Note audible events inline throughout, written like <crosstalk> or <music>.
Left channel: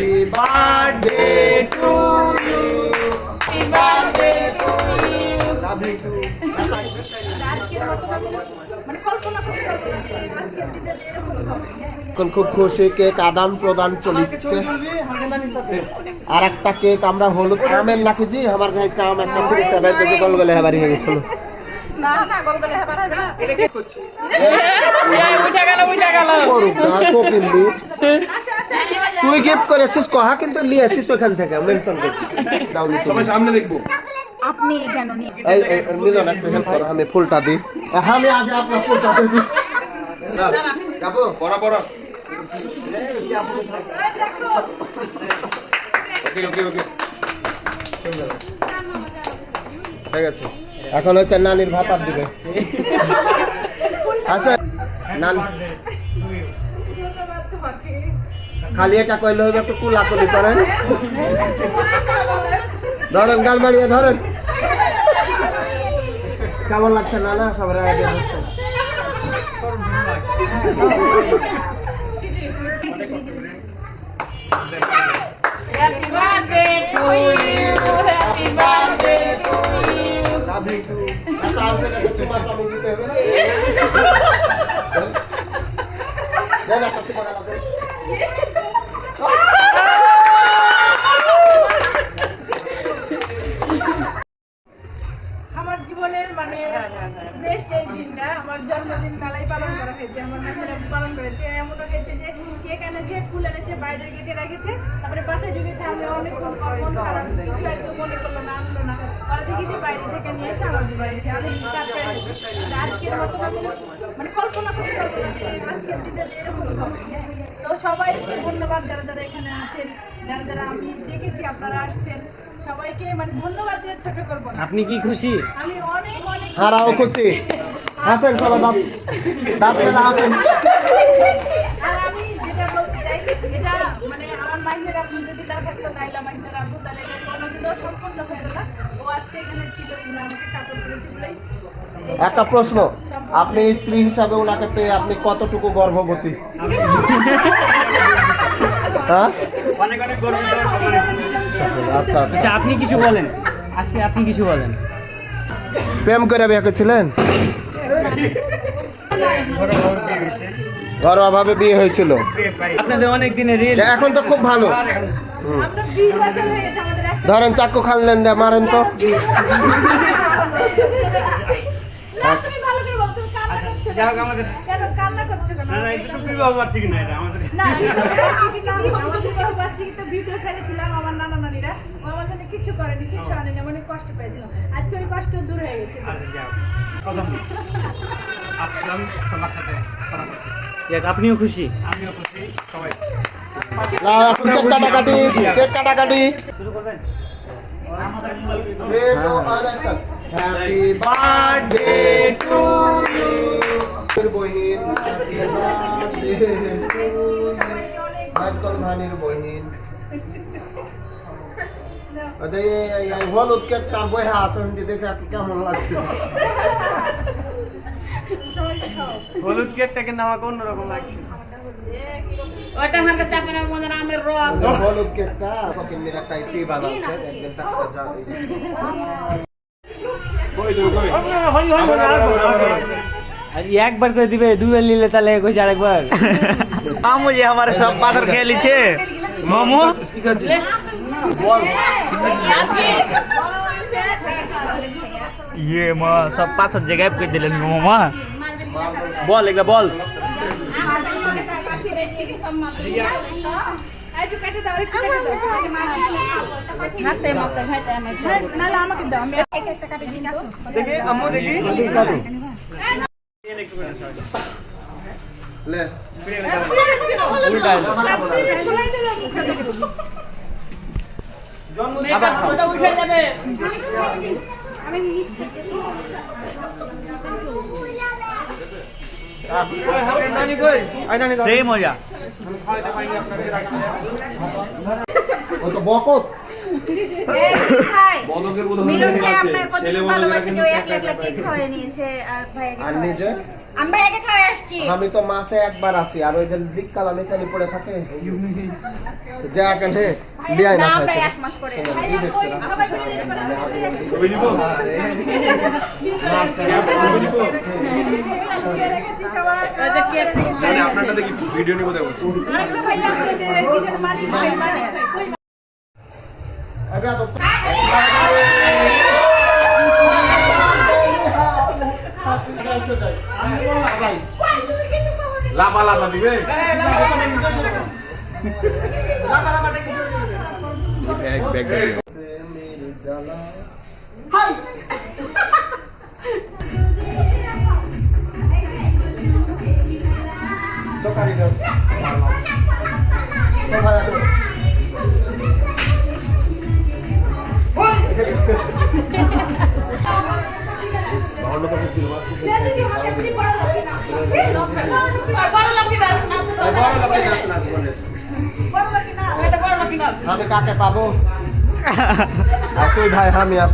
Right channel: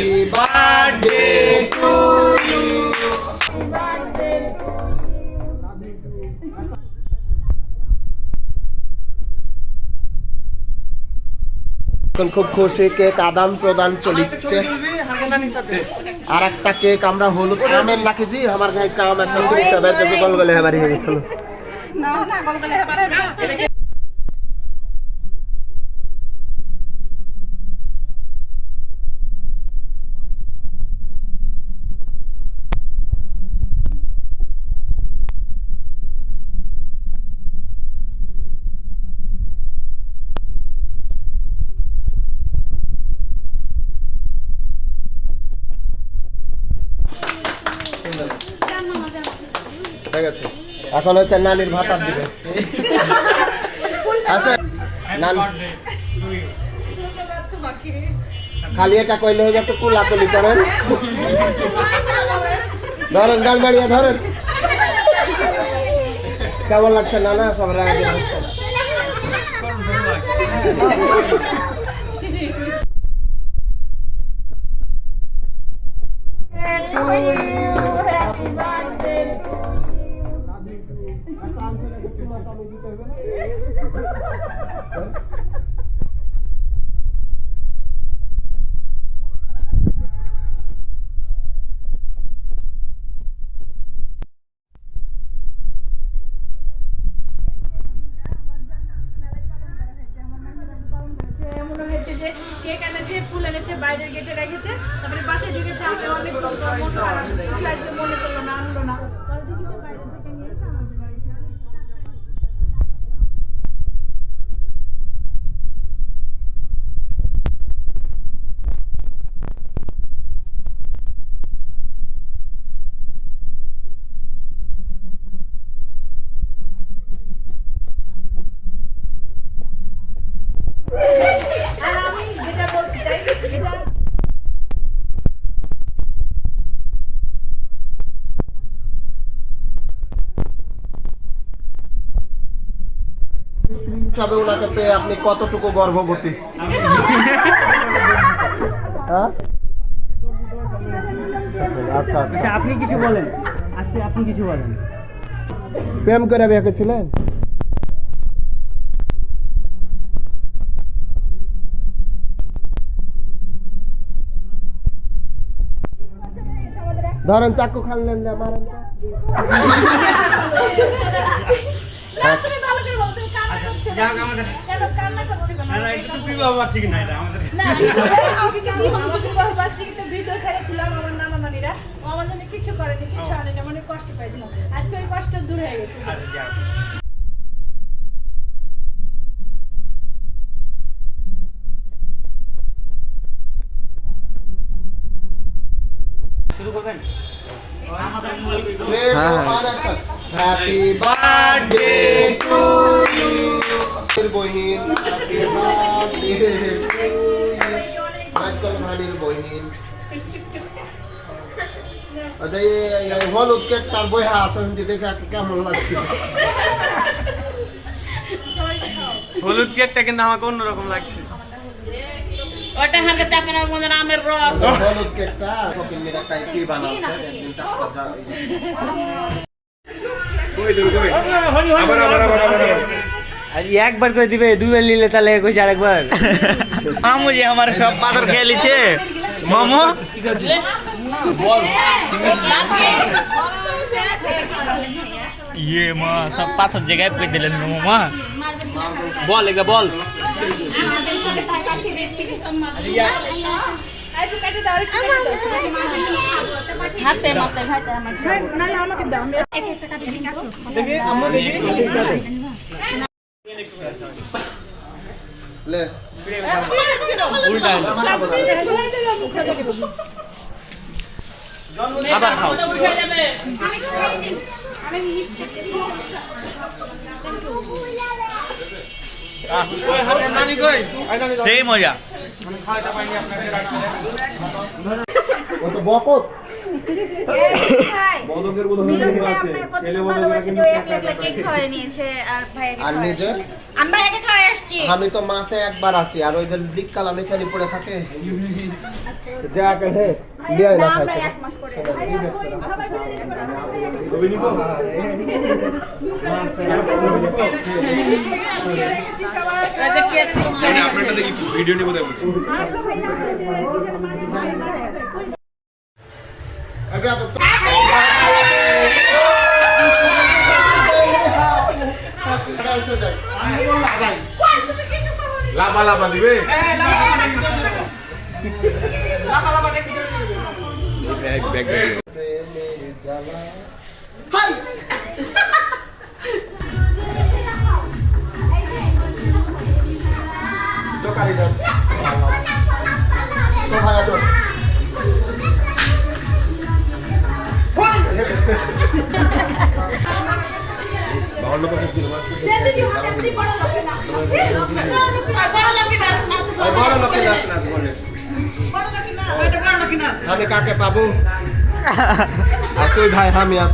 Happy birthday to you love you too এখন খুব খুশি কেক আদান প্রদান চলিচ্ছে। আর একটা কেক আমরা হলুদ আমের নাকি জি, আমার গায়ে কাম একটা ফিরিস্তা বের গল গলে হেবারি হয়ে গেছিল করুক না, কোকিল দি। তুই গিফট করেছিস কহা কিন্তু নিয়েছিস ওখান থেকে মেনশন সবাই সামনে দেখব। আপনি কেন নিয়ে এই এই মিলন একটু হেল্প করো আমি ফুলটা দিই। আমি আগে আপনার ফুলটা দিই। যাব? পড়া পড়া। ওকে ওকে ওকে। ঠিক আছে এখন হচ্ছে নানির ভাতার দিবে। আছে? খালি এটা কইলে হইবে একটু কুলাকুলি করেন। ধরেন, গাল বাড়িয়ে ধরেন। কেমন লাগছে না না সব রায় দিয়ে বসছে। একটা আউটফিটে <laughs> আমার জীবনের মানে বেস্ট এই দিনটা আমার জন্মদিন মেলায় পালন করা হয়েছে আমার নাতিরা পালন করেছে এমন হয়েছে যে কেক এনেছে ফুল এনেছে বাইরের গেটে রেখেছে তারপরে বাসায় ঢুকেছে আমি অনেক মনে করল বাইরে থেকে নিয়ে এসে বাড়িতে। আমি আজকের মানে কল্পনা আজকের এরকম তো সবাইকে ধন্যবাদ যারা যারা এখানে আছেন যারা যারা আমি দেখেছি আপনারা আসছেন। সবাইকে মানে ধন্যবাদ দিয়ে ছোট করব আপনি কি খুশি? আমি অনেক অনেক হারাও খুশি। হাসেন সবাই দাঁত দাঁত মেলা হাসেন। আর আমি যেটা বলতে চাই এটা একটা প্রশ্ন আপনি স্ত্রী হিসাবে ওনাকে পেয়ে আপনি কতটুকু গর্ভবতী? হ্যাঁ? অনেক অনেক গর্বিত আচ্ছা আচ্ছা। আচ্ছা আপনি কিছু বলেন। আজকে আপনি কিছু বলেন। প্রেম করে বিয়ে করেছিলেন? ঘরোয়া ভাবে বিয়ে হয়েছিল। আপনাদের অনেক দিনের এখন তো খুব ভালো। হয়ে ধরেন চাকু খানলেন দে মারেন তো। <laughs> তুমি ভালো করে বলো তুমি কান্না করছ যাই হোক আমাদের। কেন কান্না করছ কেন? না না এটা তো বিবাহ বার্ষিকী না এটা আমাদের। না বিবাহ বার্ষিকীতে ভিডিও ছেড়েছিলাম আমার নানা নানিরা। ও আমার জন্য কিছু করেনি কিছু আনেনি মানে কষ্ট পেয়েছিলাম। আজকে ওই কষ্ট দূর হয়ে গেছে। আচ্ছা, আপনিও খুশি? আমিও খুশি সবাই কাটাকাটি কাটাকাটি। শুরু করবেন? হ্যাপি বার্থডে টু ইউ বহিন হ্যাপি বার্থডে টু আজকাল ভানির বহিন ওদের এই হলুদ কেক তার বইয়া আছে দেখে কেমন লাগছে হলুদ কেকটা কিন্তু আমাকে অন্যরকম লাগছে ওটা হাতে চাপে না মনে আমের রস হলুদ কেকটা কপিল মিরা টাইপি বানাচ্ছে একদিন টাকা একবার করে দিবে দুবার নিলে তাহলে কইছে আরেকবার। মামু যে আমার সব পাথর খেয়ে লিছে মামু? ইয়ে মা সব পাথর জায়গায় পেয়ে দিলেন মামা বল এগুলা বল। হাতে মতে খাইতে আমার নাহলে আমাকে দাও আমি এক একটা কাটি দিই। লে। উল্টা আবার খাও। আমি মিস্টেক নানি সেই মজা। ওই তো বকত ভাই বদকের উদাহরণ মিলন ভাই আপনার কত ভালোবাসে যে কিন্তু ওই এক একলা একলা কেক খাওয়াই নিয়েছে আর ভাই আর নিজে? আমি ভাইয়াকে খাওয়াই আসছি। আমি তো মাসে একবার আসি আর ওই যে বিকাল আমি খালি পড়ে থাকে। যা গেলে লিয়াই না না আমরা এক মাস পরে। ছবি নিব? মানে আপনারটা দেখি ভিডিও নিব দেখো ভাই, লাভা লাভা দিবে ব্যাগ প্রেমের জ্বালা। বড় লোকের নাচ নাচ বলে। আমি কাকে পাবো তুই ভাই আমি আর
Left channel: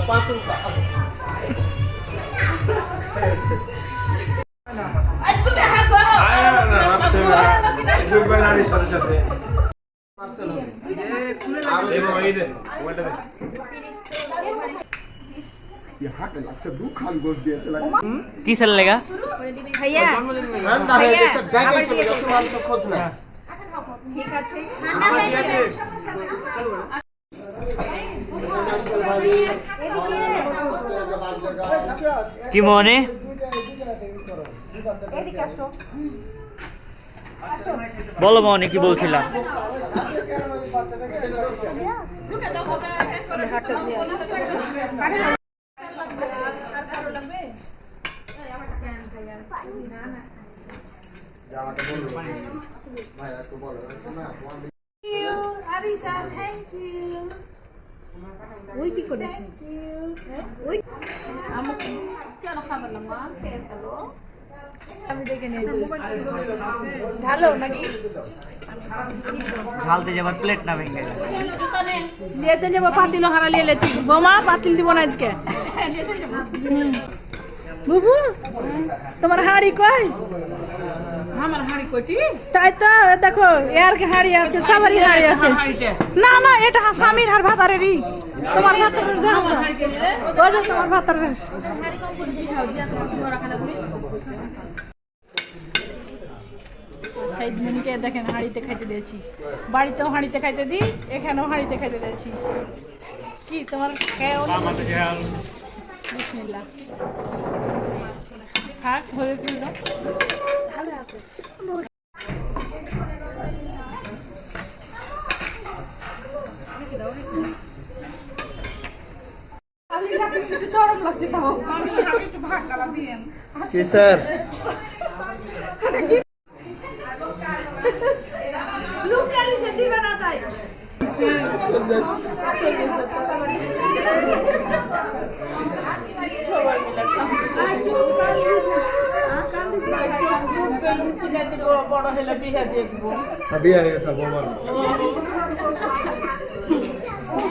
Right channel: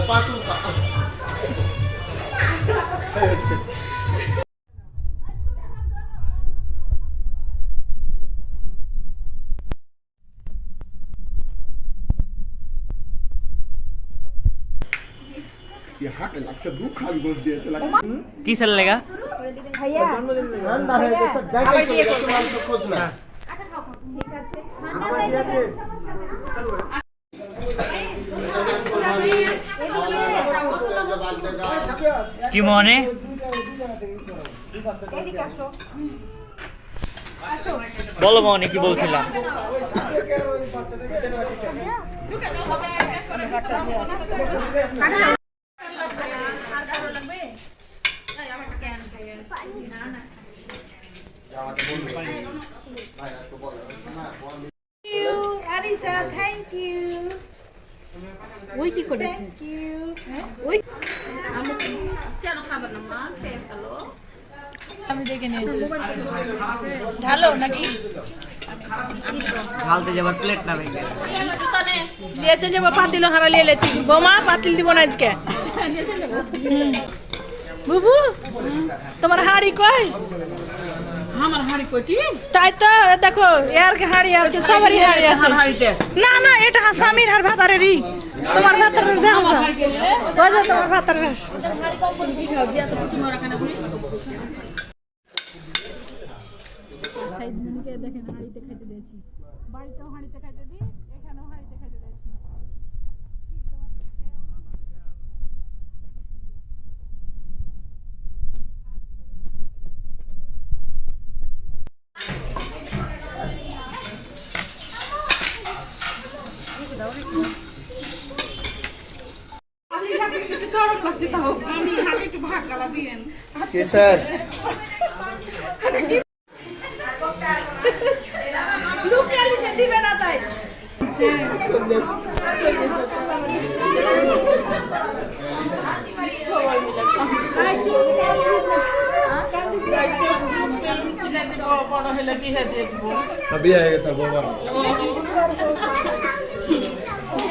पाच अच्छा दू खाल गोष्ट दिया चला की चल लेगा भैया ठंडा है जैसे गाय चलेगा सवाल तो खोजना ठीक है ठंडा है কি ছেলে লেগা ভাইয়া ঠান্ডা হয়ে গেছে ডাইকে চলে না হয়ে যাবে কি মনে এদিকে আসো বলো মনে কি বলছিলাম আমি দেখে নিয়েছি। ঢালো নাকি? ঢালতে যাবার প্লেট না ভেঙে। লিয়েছে যে পাতিল হারা লিয়ে লেছি। বোমা পাতিল দিব না আজকে। বুবু তোমার হাড়ি কইটি তাই তো দেখো এর হাড়ি আছে সবারই হাড়ি আছে না না এটা স্বামীর হার ভাতারেরই। তোমার ভাতারের দেখো ওই যে তোমার ভাতারের সাইদ মনিকে দেখেন হাঁড়িতে খাইতে দিয়েছি। বাড়িতেও হাঁড়িতে খাইতে দিই এখানেও হাঁড়িতে খাইতে দিয়েছি। কি তোমার বিসমিল্লাহ। থাক হয়ে গেল। স্যার। তাই বিয়ে হয়ে গেছে বৌমার